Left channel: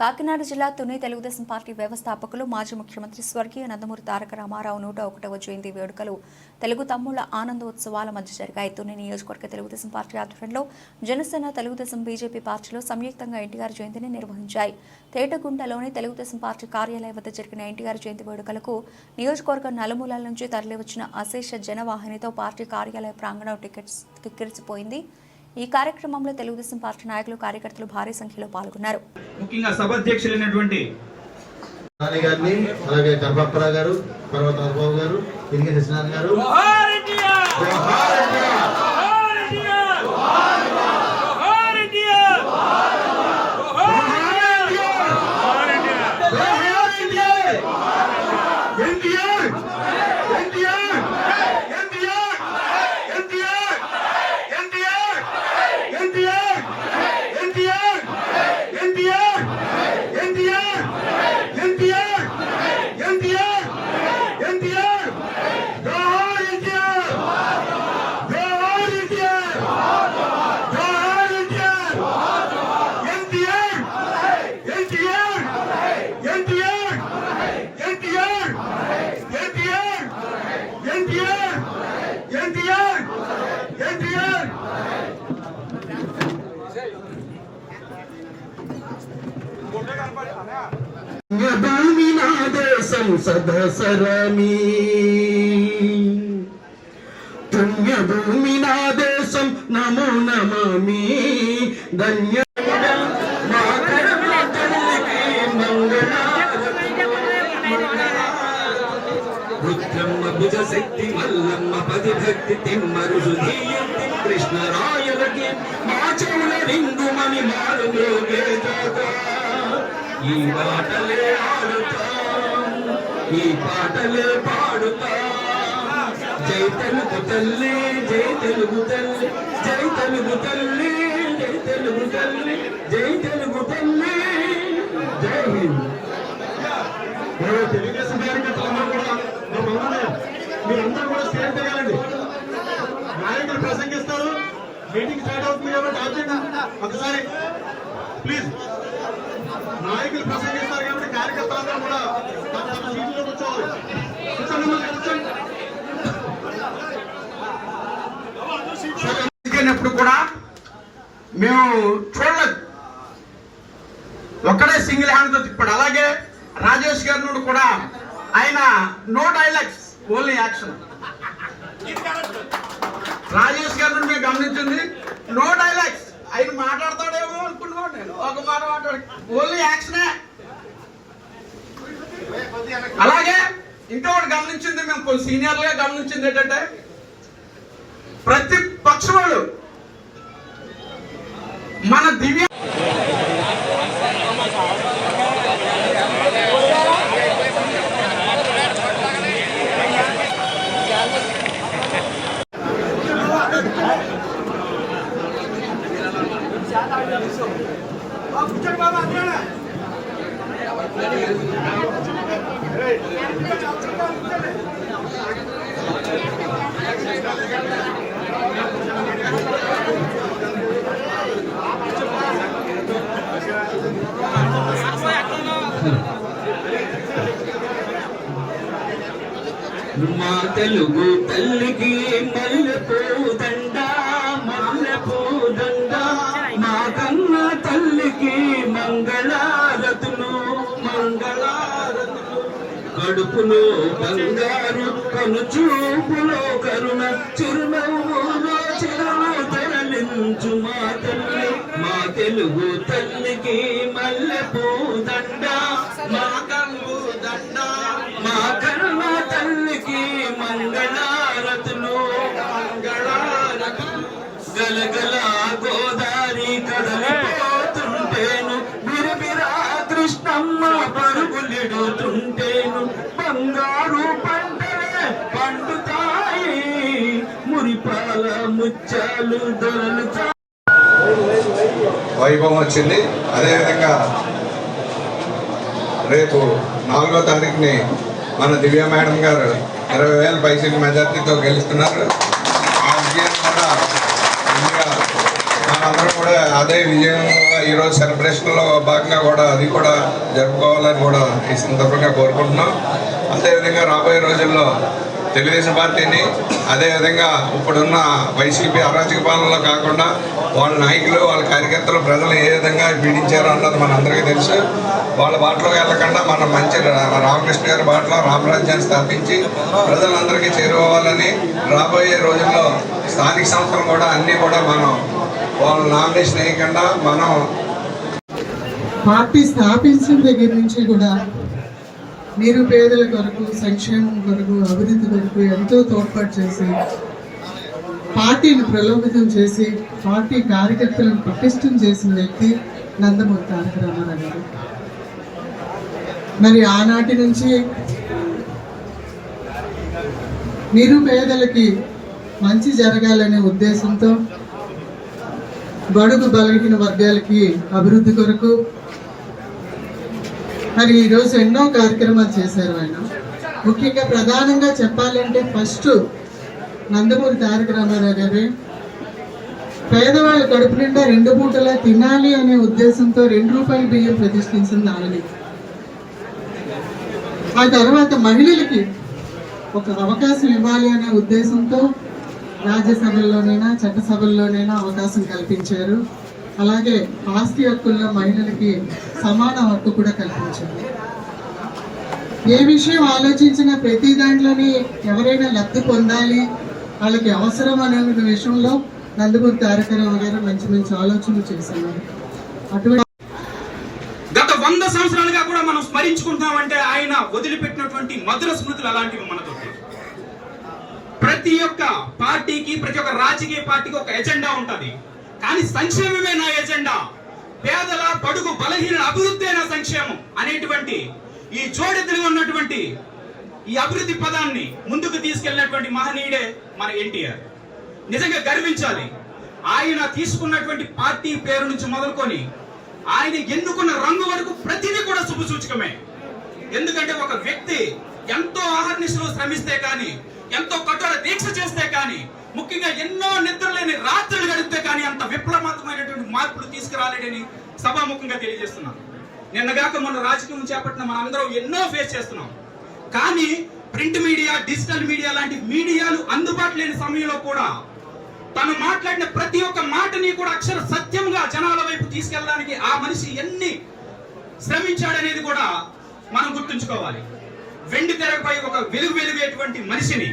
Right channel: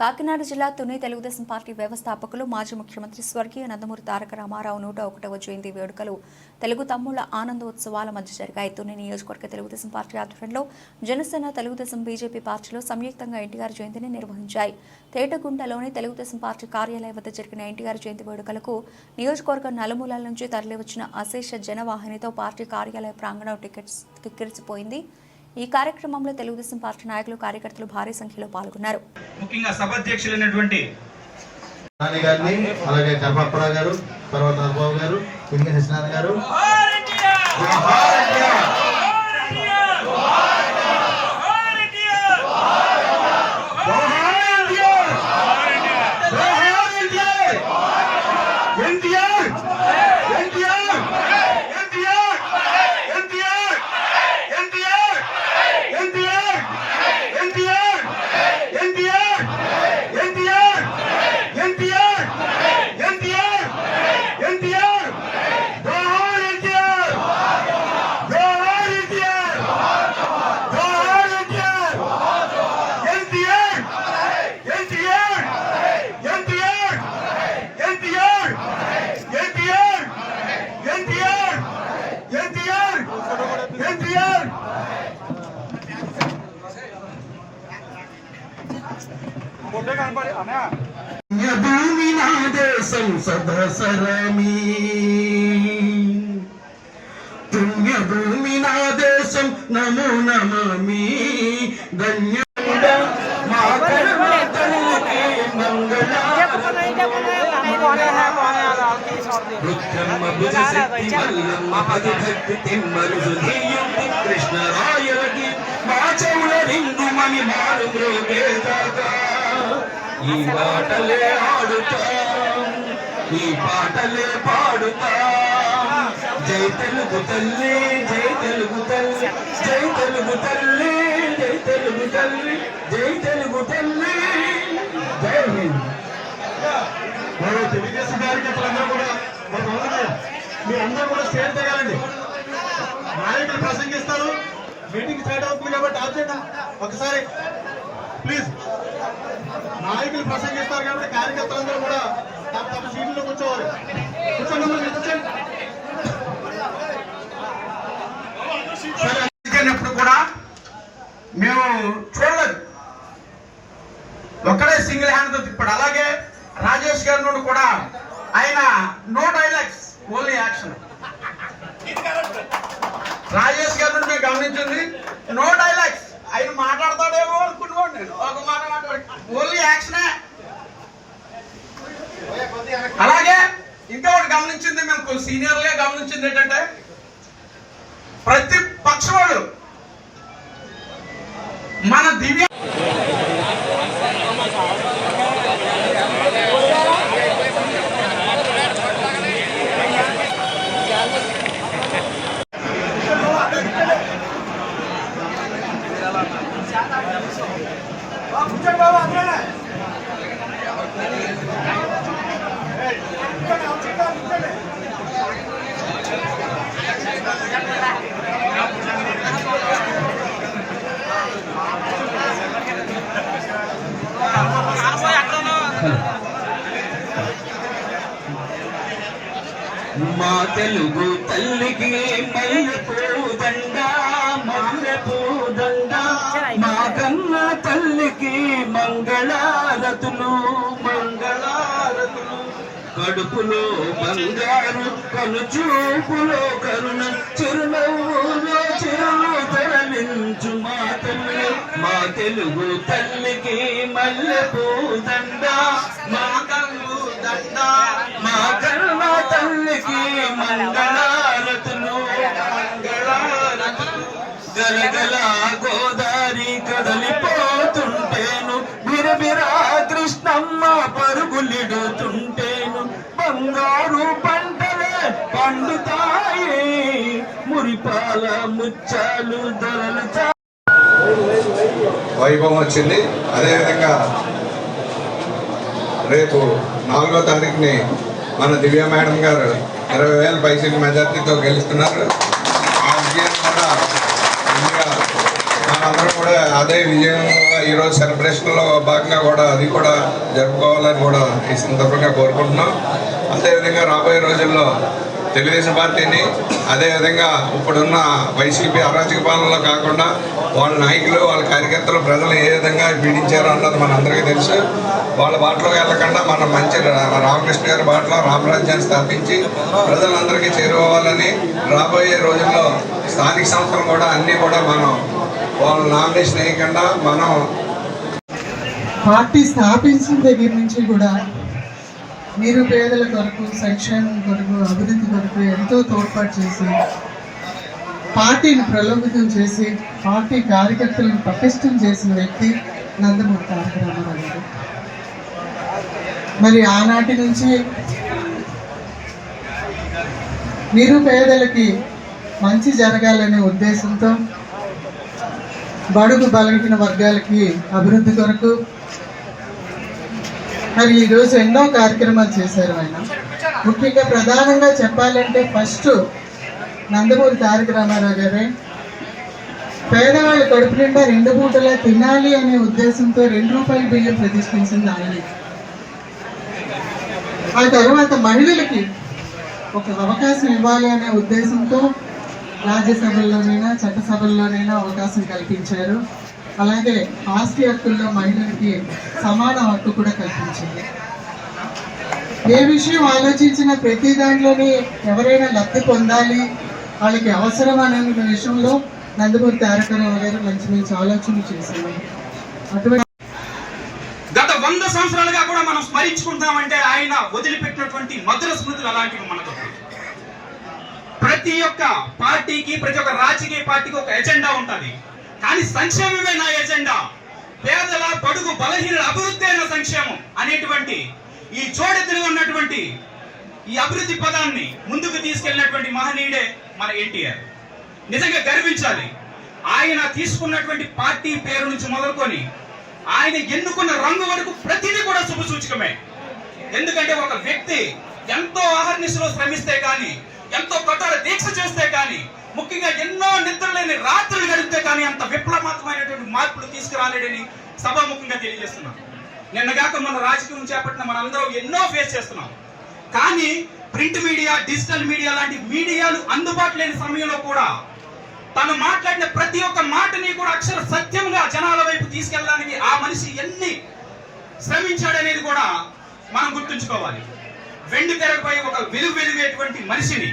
కాకినాడ జిల్లా తుని తెలుగుదేశం పార్టీ వ్యవస్థాపకులు మాజీ ముఖ్యమంత్రి స్వర్గీయ నందమూరి తారక రామారావు 101వ జయంతి వేడుకలు తెలుగు తమ్ముళ్ల ఆనందోత్సవాల మధ్య జరిగాయి. తుని నియోజకవర్గ తెలుగుదేశం పార్టీ ఆధ్వర్యంలో జనసేన, తెలుగుదేశం, బీజేపీ పార్టీలు సంయుక్తంగా ఎన్టీఆర్ జయంతిని నిర్వహించాయి. తేటగుంటలోని తెలుగుదేశం పార్టీ కార్యాలయం వద్ద జరిగిన ఎన్టీఆర్ జయంతి వేడుకలకు నియోజకవర్గం నలుమూలల నుంచి తరలివచ్చిన అశేష జనవాహినితో పార్టీ కార్యాలయ ప్రాంగణం కిక్కిరిసిపోయింది. ఈ కార్యక్రమంలో తెలుగుదేశం పార్టీ నాయకులు, కార్యకర్తలు భారీ సంఖ్యలో పాల్గొన్నారు. ముఖ్యంగా సభాధ్యక్షులైనటువంటి రాణి గారిని, అలాగే గర్భప్పరా గారు, తర్వాత బాబు గారు, తిరిగి కృష్ణ గారు, భూమి నా దేశం సదాసరమి, పుణ్యభూమి నా దేశం నమో నమామి, ధన్య కృష్ణరాయకి మా చెవుల రింగుమని మారు ఈ పాటలే ఆడుతాం, ఈ పాటలే పాడుతాం. జై తెలుగు తల్లి, జై తెలుగు తల్లి, జై తెలుగు తల్లి, జై తెలుగు తల్లి, జై తెలుగు తల్లి, జై హింద్. తెలుగుదేశం కార్యకర్తలందరూ కూడా మీరందరూ కూడా స్టేజ్ తగ్గాలండి. నాయకులు ప్రసంగిస్తారు, మీటింగ్ స్టార్ట్ అవుతుంది కాబట్టి ఆబ్జెక్ట్ ఒకసారి ప్లీజ్. నాయకులు ప్రసంగిస్తారు కాబట్టి కార్యకర్తలందరూ కూడా తమ తమ సీట్లలో కూర్చోవాలి. కూర్చోండి. కూడా మేము చూడలేదు, ఒక్కడే సింగిల్ హ్యాండ్ తో తిప్పాడు. అలాగే రాజేష్ గారి నుండి కూడా ఆయన no dialogues, only action. Rajesh గారి నుండి గమనించింది నో డైలాగ్స్, ఆయన మాట్లాడతాడేమో అనుకున్నాను నేను, ఒక మాట మాట్లాడు, ఓన్లీ యాక్షనే. అలాగే ఇంకొకటి గమనించింది, మేము కొన్ని సీనియర్లుగా గమనించింది ఏంటంటే ప్రతి పక్ష వాళ్ళు మన దివ్య మా తెలుగు తల్లికి మల్లెపూదండ, మల్లెపూదండ, మా కన్న తల్లికి మంగళారతులు, మంగళారతులు. కడుపులో బంగారు, కనుచూపులో కరుణ, చిరునవ్వులో చిరును తరలించు మా తల్లి. మా తెలుగు తల్లికి మల్లెపూదండ, మా కన్ను దండ, మా కన్న తల్లికి మంగళారతులు, మంగళారతులు. గలగల గోదారి కదలిపోతుంటేను, బిరబిరా కృష్ణమ్మ పరుగులిడుతుంటేను, బంగారు పంటలే పండుతాయి, మురిపాల ముచ్చాలు దొరలు. వైభవం వచ్చింది. అదేవిధంగా రేపు 4వ తారీఖుని మన దివ్య మేడం గారు 20,000 పైసలు మెజార్టీతో గెలుస్తున్నారు. ఆ విజయం కూడా మనందరూ కూడా అదే విజయం ఈరోజు సెలబ్రేషన్లో భాగంగా కూడా అది కూడా జరుపుకోవాలని కూడా ఈ సందర్భంగా కోరుకుంటున్నాం. అదేవిధంగా రాబోయే రోజుల్లో తెలుగుదేశం పార్టీని అదేవిధంగా ఇప్పుడున్న వైసీపీ అరాచక పాలనలో కాకుండా వాళ్ళ నాయకులు వాళ్ళ కార్యకర్తలు ప్రజలు ఏ విధంగా పీడించారో అన్నది మనందరికీ తెలుసు. వాళ్ళ బాటలో వెళ్ళకుండా మనం మంచి రామకృష్ణ గారి బాటలో రామరాజ్యాన్ని స్థాపించి ప్రజలందరికీ చేరుకోవాలని రాబోయే రోజుల్లో స్థానిక సంస్థలు కూడా అన్నీ కూడా మనం వాళ్ళ నామినేషన్ వేయకుండా మనం పార్టీ స్థాపించిన దగ్గర నుంచి కూడా నిరుపేదల కొరకు, సంక్షేమం కొరకు, అభివృద్ధి కొరకు ఎంతో తోడ్పాటు చేసి పార్టీని ప్రలోభితం చేసి పార్టీ కార్యకర్తలను పటిష్టం చేసిన వ్యక్తి నందమూరి తారక రామారావు గారు. మరి ఆనాటి నుంచి నిరుపేదలకి మంచి జరగాలనే ఉద్దేశంతో బడుగు బలహీన వర్గాలకి అభివృద్ధి కొరకు మరి ఈరోజు ఎన్నో కార్యక్రమాలు చేశారు ఆయన. ముఖ్యంగా ప్రధానంగా చెప్పాలంటే ఫస్ట్ నందమూరి తారక రామారావు గారే పేదవాళ్ళ కడుపు నిండా 2 పూటలా తినాలి అనే ఉద్దేశంతో 2 రూపాయల బియ్యం ప్రతిష్ఠించింది ఆయనే. ఆ తర్వాత మహిళలకి ఒక అవకాశం ఇవ్వాలి అనే ఉద్దేశంతో రాజ్యసభల్లోనైనా చట్టసభల్లోనైనా అవకాశం కల్పించారు. అలాగే ఆస్తి హక్కుల్లో మహిళలకి సమాన హక్కు కూడా కల్పించింది. ఏ విషయం ఆలోచించినా ప్రతి దాంట్లోని ఎవరైనా లబ్ధి పొందాలి, వాళ్ళకి అవసరం అనే విషయంలో నందమూరి తారక రామారావు గారు మంచి మంచి ఆలోచనలు చేశారు. అటువంటి గత 100 సంవత్సరాలుగా కూడా మనం స్మరించుకుంటామంటే ఆయన వదిలిపెట్టినటువంటి మధుర స్మృతులు అలాంటివి మనకు. ప్రతి ఒక్క పార్టీకి, ప్రతి ఒక్క రాజకీయ పార్టీకి ఒక ఎజెండా ఉంటుంది. కానీ సంక్షేమమే నా ఎజెండా, పేదల పడుగు బలహీన అభివృద్ధి అయిన సంక్షేమం అనేటువంటి ఈ జోడెత్తుగా ఉన్నటువంటి ఈ అభివృద్ధి పదాన్ని ముందుకు తీసుకెళ్ళినటువంటి మహనీయుడే మన ఎన్టీఆర్. నిజంగా గర్వించాలి. ఆయన తీసుకున్నటువంటి పార్టీ పేరు నుంచి మొదలుకొని ఆయన ఎన్నుకున్న రంగు వరకు ప్రతిదీ కూడా శుభసూచకమే. ఎందుకంటే ఒక వ్యక్తి ఎంతో ఆహర్నిశలో శ్రమిస్తే కానీ, ఎంతో కఠోర దీక్ష చేస్తే కానీ, ముఖ్యంగా ఎన్నో నిద్రలేని రాత్రులు గడిపితే కానీ అంత విప్లవాత్మకమైనటువంటి మార్పులు తీసుకురాలేడని సభాముఖంగా తెలియజేస్తున్నాం. నిన్నగాక మన రాజకీయం చేపట్టిన మనందరం ఎన్నో ఫేస్ చేస్తున్నాం. కానీ ప్రింట్ మీడియా, డిజిటల్ మీడియా లాంటి మీడియాలు అందుబాటు లేని సమయంలో కూడా తను మాట్లాడిన ప్రతి ఒక్క మాటని కూడా అక్షర సత్యంగా జనాల వైపు తీసుకెళ్ళడానికి ఆ మనిషి ఎన్ని శ్రమించాడనేది కూడా మనం గుర్తుంచుకోవాలి. వెండి తెరపై ఒక వెలుగేటువంటి మనిషిని,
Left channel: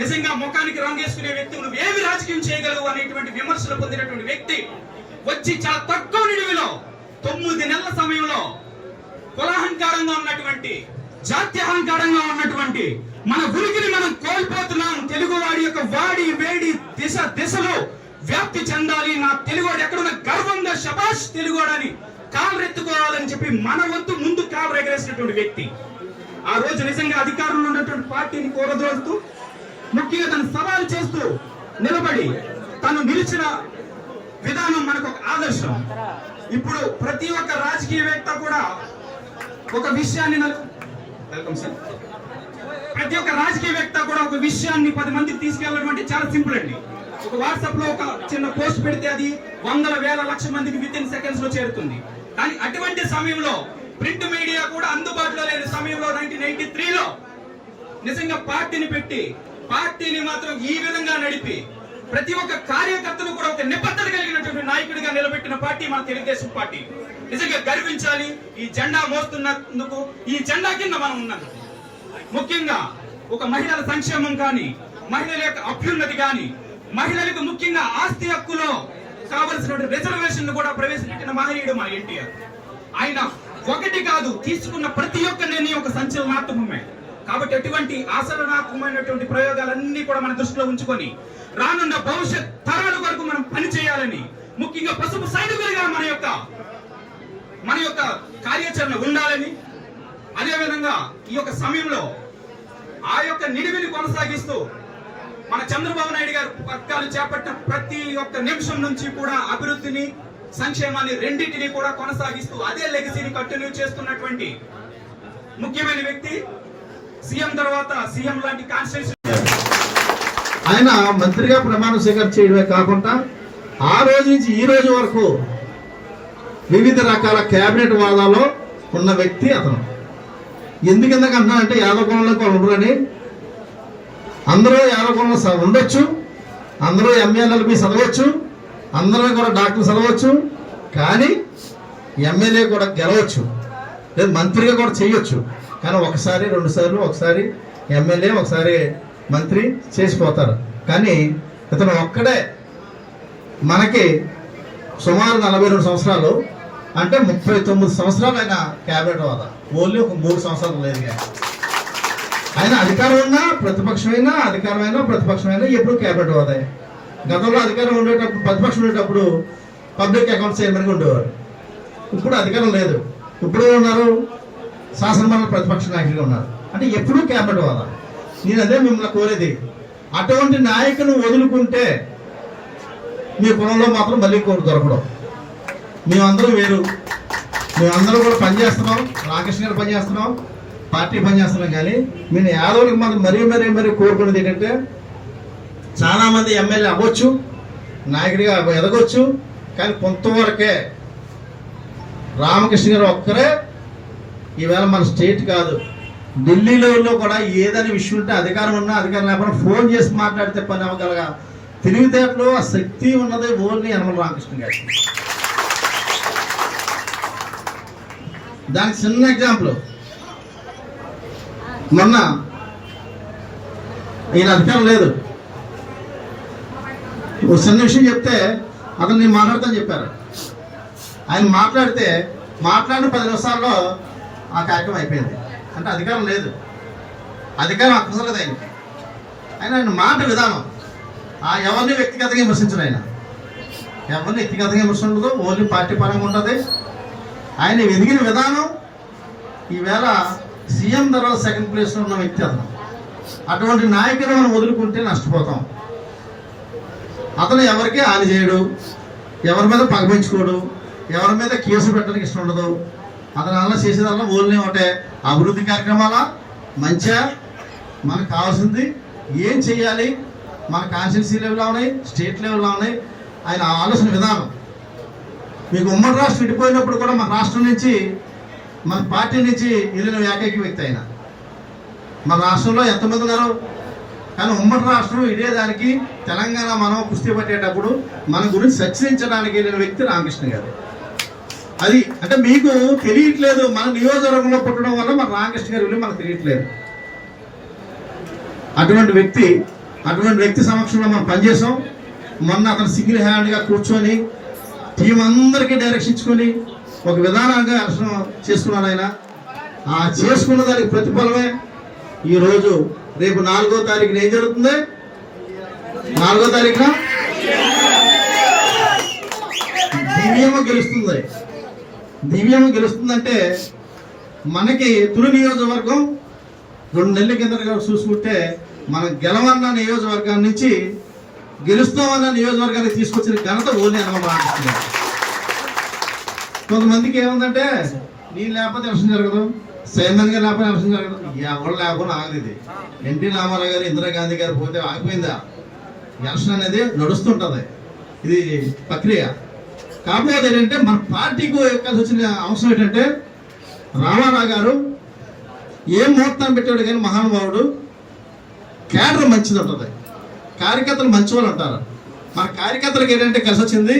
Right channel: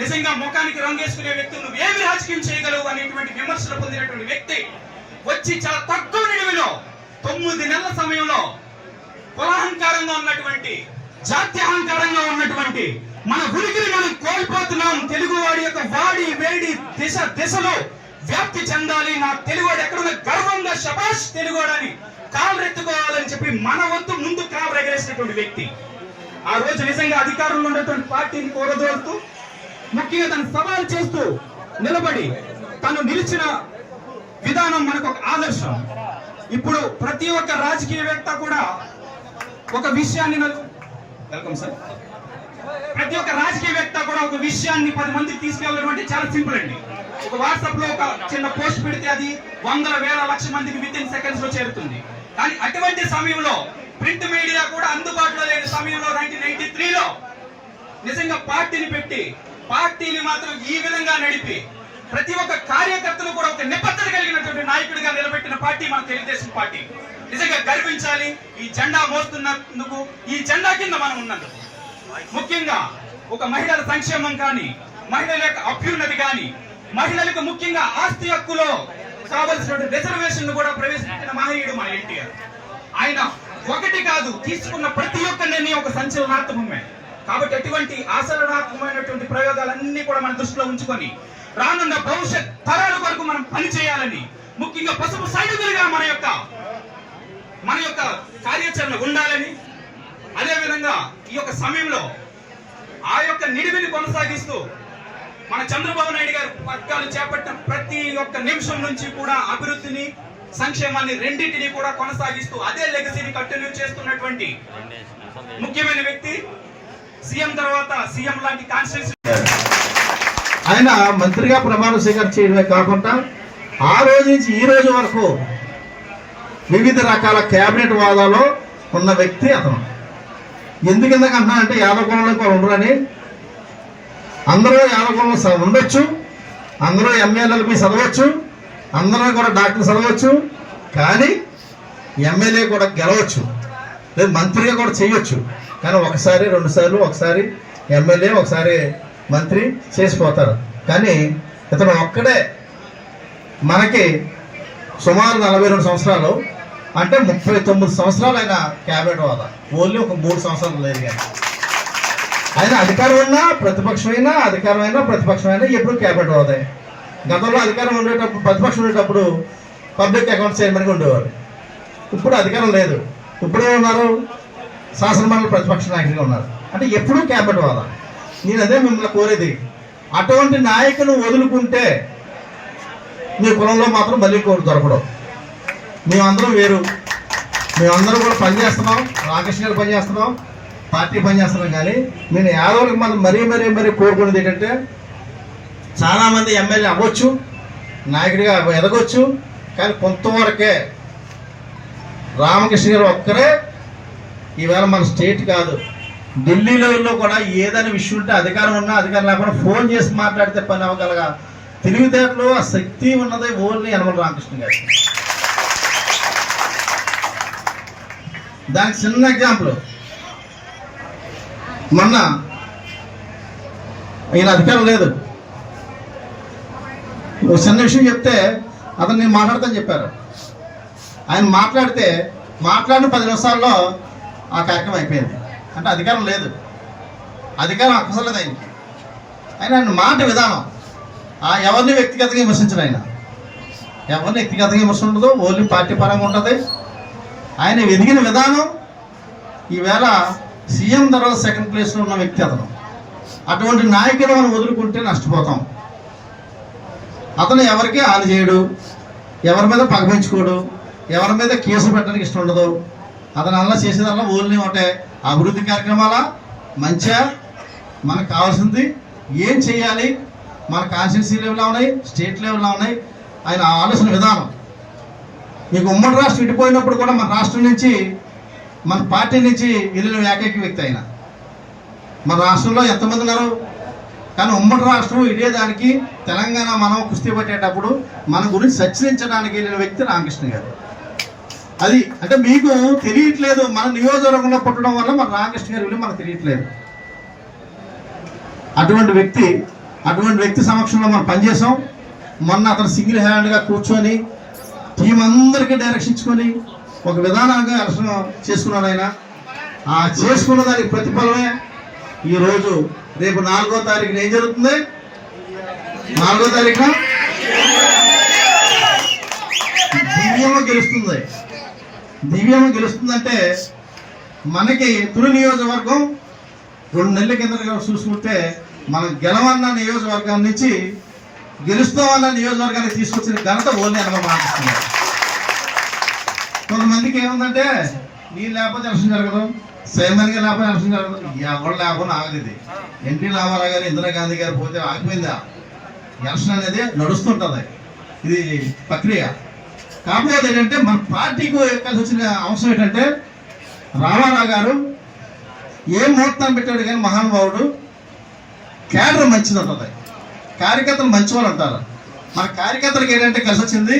నిజంగా ముఖానికి రంగేసుకునే వ్యక్తి నువ్వేమి రాజకీయం చేయగలవు అనేటువంటి విమర్శలు పొందినటువంటి వ్యక్తి వచ్చి చాలా తక్కువ నిడివిలో 9 నెలల సమయంలో కులాహంకారంగా ఉన్నటువంటి, జాత్యహంకారంగా ఉన్నటువంటి మన ఉనికిని మనం కోల్పోతున్నాం. తెలుగువాడి యొక్క వాడి వేడి దిశలో వ్యాప్తి చెందాలి. నా తెలుగువాడు ఎక్కడున్న గర్వంగా శబాష్ తెలుగువాడని కాలరెత్తుకోవాలని చెప్పి మన వంతు ముందు కాలు ఎగరేసినటువంటి వ్యక్తి. ఆ రోజు నిజంగా అధికారంలో ఉన్నటువంటి పార్టీని కూరదోడుతూ, ముఖ్యంగా తను సవాల్ చేస్తూ నిలబడి తను నిలిచిన విధానం మనకు ఒక ఆదర్శం. ఇప్పుడు ప్రతి ఒక్క రాజకీయవేత్త కూడా ఒక విషయాన్ని ప్రతి ఒక్క రాజకీయవేత్త కూడా ఒక విషయాన్ని 10 మందికి తీసుకెళ్ళడం అంటే చాలా సింపుల్ అండి. ఒక వాట్సాప్ లో ఒక చిన్న పోస్ట్ పెడితే అది 100,000-1,00,000 మందికి వితిన్ సెకండ్స్ లో చేరుతుంది. కానీ అటువంటి సమయంలో ప్రింట్ మీడియా కూడా అందుబాటులో లేని సమయంలో 1993లో నిజంగా పార్టీని పెట్టి, పార్టీని మాత్రం ఈ విధంగా నడిపి ప్రతి ఒక్క కార్యకర్తను కూడా ఒక నిబద్ధత కలిగినటువంటి నాయకుడిగా నిలబెట్టిన పార్టీ మన తెలుగుదేశం పార్టీ. నిజంగా గర్వించాలి. ఈ జెండా మోస్తున్నందుకు, ఈ జెండా కింద మనం ఉన్నందుకు. ముఖ్యంగా ఒక మహిళల సంక్షేమం కానీ, మహిళల యొక్క అభ్యున్నతి కానీ, మహిళలకు ముఖ్యంగా ఆస్తి హక్కులో కావలసిన రిజర్వేషన్ కూడా ప్రవేశించిన మహనీయుడు మన ఎన్టీఆర్. ఆయన ఒకటి కాదు, తీసుకున్న ప్రతి ఒక్క నిర్ణయం ఒక సంచలనాత్మకమే. కాబట్టి అటువంటి ఆచరణాత్మకమైనటువంటి ప్రయోగాలన్నీ కూడా మన దృష్టిలో ఉంచుకొని రానున్న భవిష్యత్ తరాల వరకు మనం పనిచేయాలని, ముఖ్యంగా పసుపు సైనికులుగా మన యొక్క కార్యాచరణ ఉండాలని, అదేవిధంగా ఈ యొక్క సమయంలో ఆ యొక్క నిడివిని కొనసాగిస్తూ మన చంద్రబాబు నాయుడు గారు పథకాలు చేపట్టిన ప్రతి ఒక్క నిమిషం నుంచి కూడా అభివృద్ధిని, సంక్షేమాన్ని రెండింటినీ కూడా కొనసాగిస్తూ అదే లెగసీని కంటిన్యూ చేస్తున్నటువంటి ముఖ్యమైన వ్యక్తి. సీఎం తర్వాత సీఎం లాంటి కాన్స్టిట్యూషన్ ఆయన మంత్రిగా ప్రమాణ స్వీకారం చేయడమే కాకుండా ఆ రోజు నుంచి ఈ రోజు వరకు వివిధ రకాల కేబినెట్ హోదాలో ఉన్న వ్యక్తి అతను. ఎందుకు అంటున్నా అంటే యాదవ కులంలో కూడా ఉండరని. అందరూ యాదవ కులంలో ఉండొచ్చు, అందరూ ఎమ్మెల్యేలకి చదవచ్చు, అందరూ కూడా డాక్టర్ చదవచ్చు, కానీ ఎమ్మెల్యే కూడా గెలవచ్చు, లేదు మంత్రిగా కూడా చేయొచ్చు. కానీ ఒకసారి 2 సార్లు, ఒకసారి ఎమ్మెల్యే, ఒకసారి మంత్రి చేసిపోతారు. కానీ ఇతను ఒక్కడే మనకి సుమారు 42 సంవత్సరాలు, అంటే 39 సంవత్సరాలు ఆయన క్యాబినెట్ హోదా. ఓన్లీ ఒక 3 సంవత్సరాలు లేదు. కానీ ఆయన అధికారం ఉన్నా ప్రతిపక్షమైనా, అధికారమైనా ప్రతిపక్షమైనా ఎప్పుడు క్యాబినెట్ హోదా. గతంలో అధికారం ఉండేటప్పుడు, ప్రతిపక్షం ఉండేటప్పుడు పబ్లిక్ అకౌంట్స్ చైర్మన్గా ఉండేవారు. ఇప్పుడు అధికారం లేదు, ఇప్పుడు ఉన్నారు శాసనమండలి ప్రతిపక్ష నాయకుడిగా ఉన్నారు. అంటే ఎప్పుడూ క్యాబినెట్ హోదా. నేను అదే మిమ్మల్ని కోరేది, అటువంటి నాయకులు వదులుకుంటే మీ కులంలో మాత్రం మళ్ళీ దొరకడం. మేమందరం వేరు, మేమందరం కూడా పనిచేస్తున్నాం, రామకృష్ణ గారు పనిచేస్తున్నాం, పార్టీ పనిచేస్తున్నాం. కానీ నేను యాదవులకు మనం మరీ కోరుకునేది ఏంటంటే, చాలామంది ఎమ్మెల్యే అవ్వచ్చు, నాయకుడిగా ఎదగొచ్చు, కానీ కొంతవరకే. రామకృష్ణ గారు ఒక్కరే ఈవేళ మన స్టేట్ కాదు, ఢిల్లీ లెవెల్లో కూడా ఏదైనా విషయం ఉంటే అధికారం ఉన్నా అధికారం లేకుండా ఫోన్ చేసి మాట్లాడితే పని అవ్వగలగా తెలివితేటలు, ఆ శక్తి ఉన్నది ఓన్లీ యనమల రామకృష్ణ గారు. దానికి చిన్న ఎగ్జాంపుల్, మొన్న ఈయన అధికారం లేదు, చిన్న విషయం చెప్తే అతను నేను మాట్లాడతాను చెప్పారు. ఆయన మాట్లాడిన 10 నిమిషాల్లో ఆ కార్యక్రమం అయిపోయింది. అంటే అధికారం లేదు, అధికారం అక్కసలేదు ఆయన మాట విధానం. ఎవరిని వ్యక్తిగతంగా విమర్శించడు ఆయన, ఎవరిని వ్యక్తిగతంగా విమర్శ ఉండదు, ఓన్లీ పార్టీ పరంగా ఉంటుంది. ఆయన ఎదిగిన విధానం, ఈవేళ సీఎం తర్వాత సెకండ్ ప్లేస్లో ఉన్న వ్యక్తి అతను. అటువంటి నాయకులు మనం వదులుకుంటే నష్టపోతాం. అతను ఎవరికి హాని చేయడు, ఎవరి మీద పగపించుకోడు, ఎవరి మీద కేసు పెట్టడానికి ఇష్టం ఉండదు. అతను అలా చేసేదల్లా ఓన్లీ ఒకటే, అభివృద్ధి కార్యక్రమాల మంచిగా మనకు కావాల్సింది ఏం చేయాలి, మన కాన్స్టిట్యూన్సీ లెవెల్లో ఉన్నాయి, స్టేట్ లెవెల్లో ఉన్నాయి. ఆయన ఆలోచన విధానం. మీకు ఉమ్మడి రాష్ట్రం విడిపోయినప్పుడు కూడా మన రాష్ట్రం నుంచి, మన పార్టీ నుంచి వెళ్ళిన ఏకైక వ్యక్తి ఆయన. మన రాష్ట్రంలో ఎంతమంది ఉన్నారు, కానీ ఉమ్మడి రాష్ట్రం ఇదేదానికి తెలంగాణ మనం కుస్తీ పట్టేటప్పుడు మన గురించి చర్చించడానికి వెళ్ళిన వ్యక్తి రామకృష్ణ గారు. అది అంటే మీకు తెలియట్లేదు, మన నియోజకవర్గంలో పుట్టడం వల్ల మన రామకృష్ణ గారి విలువ మనకు తెలియట్లేదు. అటువంటి వ్యక్తి సమక్షంలో మనం పనిచేసాం. మొన్న అతను సింగిల్ హ్యాండ్గా కూర్చొని టీం అందరికీ డైరెక్షన్ ఇచ్చుకొని ఒక విధానంగా ఎలక్షన్ చేసుకున్నాడు ఆయన. ఆ చేసుకున్న దానికి ప్రతిఫలమే ఈరోజు రేపు 4వ తారీఖున ఏం జరుగుతుంది, 4వ తారీఖున దివ్యమ గెలుస్తుందంటే మనకి తుని నియోజకవర్గం 2 నెలల కింద చూసుకుంటే మనం గెలవన్న నియోజకవర్గం నుంచి గెలుస్తామన్న నియోజకవర్గానికి తీసుకొచ్చిన ఘనత ఓన్లీ అనుభవం. కొంతమందికి ఏముందంటే నేను లేకపోతే ఎలక్షన్ జరగదు, సైమన్గా లేకపోతే ఎలక్షన్ జరగదు, ఎవరు లేకుండా ఆగలేదు. ఎన్టీ రామారావు గారు, ఇందిరాగాంధీ గారు పోతే ఆగిపోయిందా? ఎలక్షన్ అనేది నడుస్తుంటుంది, ఇది ప్రక్రియ. కాకపోతే ఏంటంటే మన పార్టీకి కలిసి వచ్చిన అంశం ఏంటంటే, రామారావు గారు ఏం ముహూర్తాన్ని పెట్టాడు కానీ మహానుభావుడు, క్యాడర్ మంచిది ఉంటుంది, కార్యకర్తలు మంచి వాళ్ళు అంటారు. మన కార్యకర్తలకు ఏంటంటే కలిసి వచ్చింది